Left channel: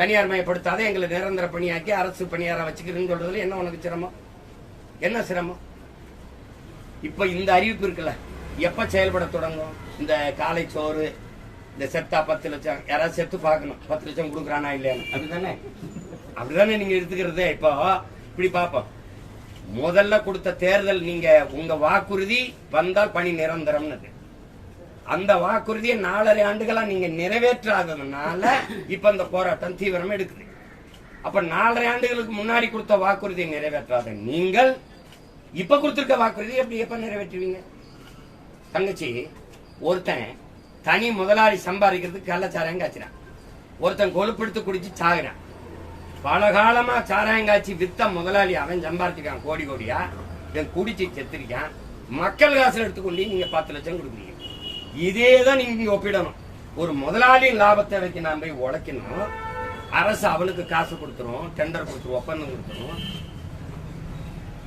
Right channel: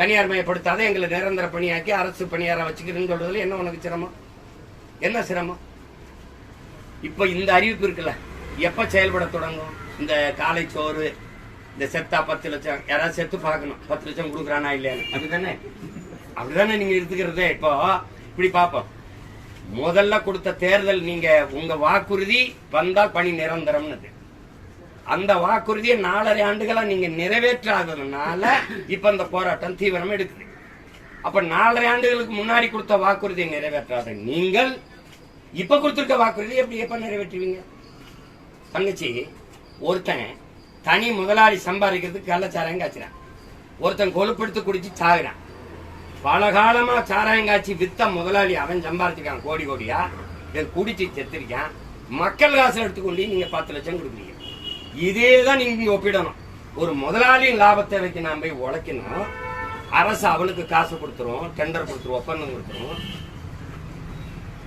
தனியார் மயப்படுத்தாத எங்களை நிரந்தர பணியாக்கி அரசு பணியார வச்சுக்கிறேன்னு சொல்றதுல என்ன உனக்கு சிரமம்? என்ன சிரமம்? இப்ப இந்த அறிவிப்பு இருக்குல்ல, எப்ப செயல்பட தொடங்கும்? இந்த காலை சோறு, இந்த செத்தா 10 லட்சம், யாராவது செத்து பார்க்கணும் 10 லட்சம் கொடுக்குறானா இல்லையான்னு. அப்படிதானே நீங்க எடுத்துக்கிறதே. இப்போ இப்படி பாப்போம். முதல்ல கொடுத்த தேர்தல், நீங்க உங்க வாக்குறுதி வந்தால் பணி நிரந்தரம்னு, அந்த வாக்குறுதியை 4.5 ஆண்டுகளா நீங்க நிறைவேற்றாததுனால இப்ப அந்த போராட்டம் தீவிரமா எடுக்குது. அப்ப 4.5 ஆண்டுகளுக்கு முன்னாடி கொடுத்த வாக்குறுதியை நிறைவேற்றாத நீங்கள் இப்ப கொடுத்திருக்க வாக்குறுதி எப்ப நிறைவேற்றுவீங்க? தங்கச்சி, ஒருத்தன் தனி முதலாளி சம்பாதிக்கிறதுக்கு கள்ளச்சாராயம் காய்ச்சிறான், ஒருத்தன் கொழுப்படுத்து குடிச்சு சாகுறான். பல காலமா சாராயம் காய்ச்சி வித்த முதலாளி அவன் சம்பாதிச்சிருக்கான் கோடி கோடியா, இவன் குடிச்சு செத்துருக்கான். மக்கள் காசு எடுத்துக்கொண்டு நீங்க 10 லட்சம் கொடுக்குறீங்க. இதேதான் நீங்க ஒப்பிடணும். ஒரு முதலாளியின் லாபத்தை வைக்க நான் போய் உழைக்கணும், அரசு அவனுக்கு காசு கொடுத்துரும், டெண்டர் கொடுத்துரும், ஒப்பந்தம் கொடுத்துரும்.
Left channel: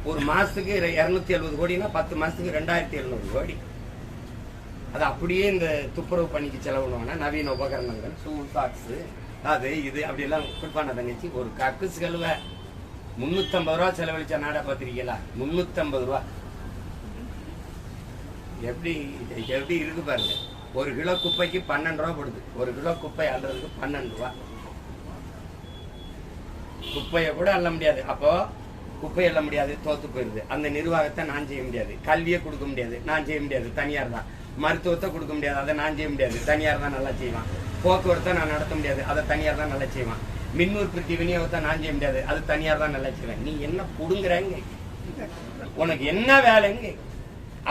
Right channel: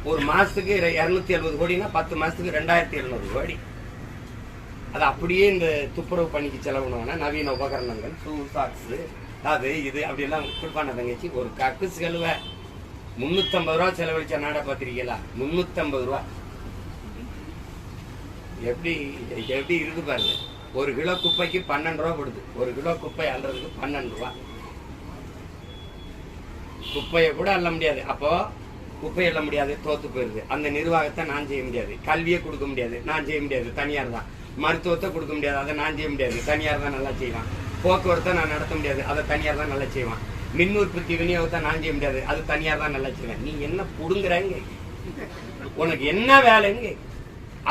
ஒரு மாசத்துக்கு 270 கோடினா 10 மாசத்துக்கு 2700 கோடி. அது அப்படியே இந்த துப்புரவு பணிக்கு செலவுனா நவீன உபகரணங்கள், ஷூ, சாக்ஸ், அது இது அப்படி எல்லாம் கொடுப்பான. தங்கச்சி, ஒரு கக்குஸ் கழுவ 350 ரூபா செலவழிச்ச நாடா பாத்திருக்கீங்களா? 350 ரூபா. எப்படி எப்படி இருக்கு பாருங்க. ஒரு கிலோ குப்பைக்கு 12 ரூபா போடுது. ஒரு கிலோ குப்பை அள்ளுறதுக்கு 12 ரூபா. குப்பையை கூட அள்ள முடியாது. அப்போ குப்பை அள்ள முடியாது, தோத்து போயிருது. அந்த நிர்வாகத்தை நான் செய்ய முடியாது. கல்வியை கொடுக்க முடியாது, நான் செய்ய முடியாது, தனியார் தான். மருத்துவத்தை கொடுக்க முடியாது, அதை நான் செய்ய முடியாது, தனியார் தான் நல்லா செய்வான். போக்குவரத்தை நான் நடத்த முடியாது, அதை தனியார் தான் நல்லா செய்வான். மின் உற்பத்தி விநியோகத்தை நான் செய்ய முடியாது, அது தனியார் தான் நல்லா செய்வேன். நீ என்ன புடுங்குறாங்க? உனக்கு என்ன வேலைங்க?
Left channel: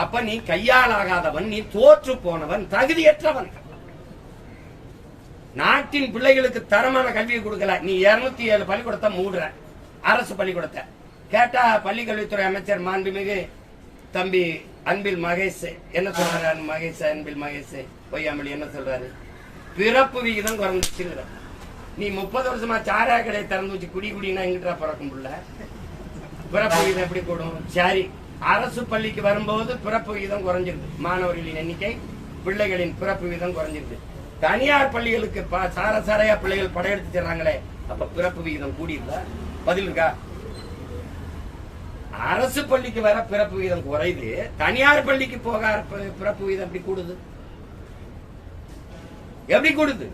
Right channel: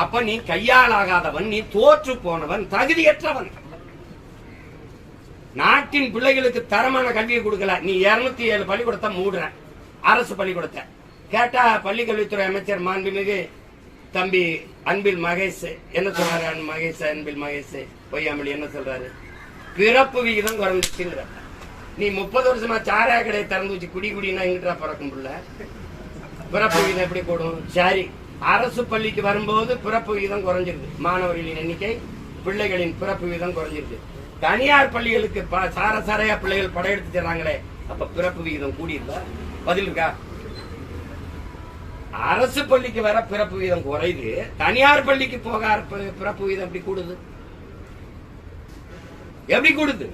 அப்ப நீ கையாளாகாதவன், நீ தோற்று போனவன், தகுதியற்றவன். நாட்டின் பிள்ளைகளுக்கு தரமான கல்வியை கொடுக்கல. நீ 207 பள்ளிக்கூடத்தை மூடுற, அரசு பள்ளிக்கூடத்தை. கேட்டா பள்ளிக்கல்வித்துறை அமைச்சர் மாண்புமிகு தம்பி அன்பில் மகேஷ் என்ன சொல்றாரு? அன்பில் மகேஷ் பொய்யாமலி என்ன சொல்றாரு? பிறப்பு விகிதம் குறைஞ்சிச்சுங்கிற. நீ 30 வருஷமா சாராய கடையை திறந்து வச்சு குடினா எங்கிட்ட பறக்கும் புள்ள? பிறப்பு விகிதம் எப்படி கூடும்? சரி, அரசு பள்ளிக்கு வரும்போது பிறப்பு விகிதம் குறைஞ்சிருக்கு, மாணவர்களின் எண்ணிக்கை, பிள்ளைகளின் பிறப்பு விகிதம் குறைஞ்சிருக்கு. தனியார் பள்ளிகளுக்கு சாரையா பிள்ளைகள் படையெடுத்து தர்றாங்களே, அப்ப பிறப்பு விகிதம் கூடியிருக்கா? பதில் இருக்கா? அரசு பள்ளிக்கு வர பிறப்பு விகிதம் குறையுது, தனியார் பள்ளிக்கு போக பிறப்பு விகிதம் எப்படி கூடுது? எப்படி கூடுது?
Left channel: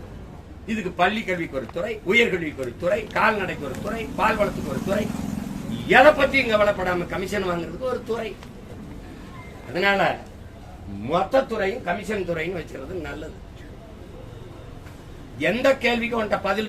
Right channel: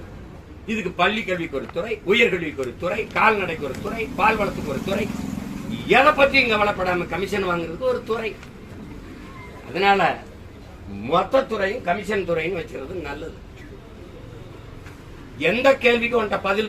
இதுக்கு பள்ளி கல்விக்கு ஒரு துறை, உயர்கல்விக்கு ஒரு துறை, கால்நடைக்கு ஒரு துறை, பால் வளத்துக்கு ஒரு துறை, எதை பற்றியும் கவலைப்படாம கமிஷன் வாங்குறதுக்கு ஒரு துறை. அதனால மொத்த துறையும் கமிஷன் துறையும் வச்சிருக்கிறது நல்லது. எந்த கேள்விக்கும் பதில்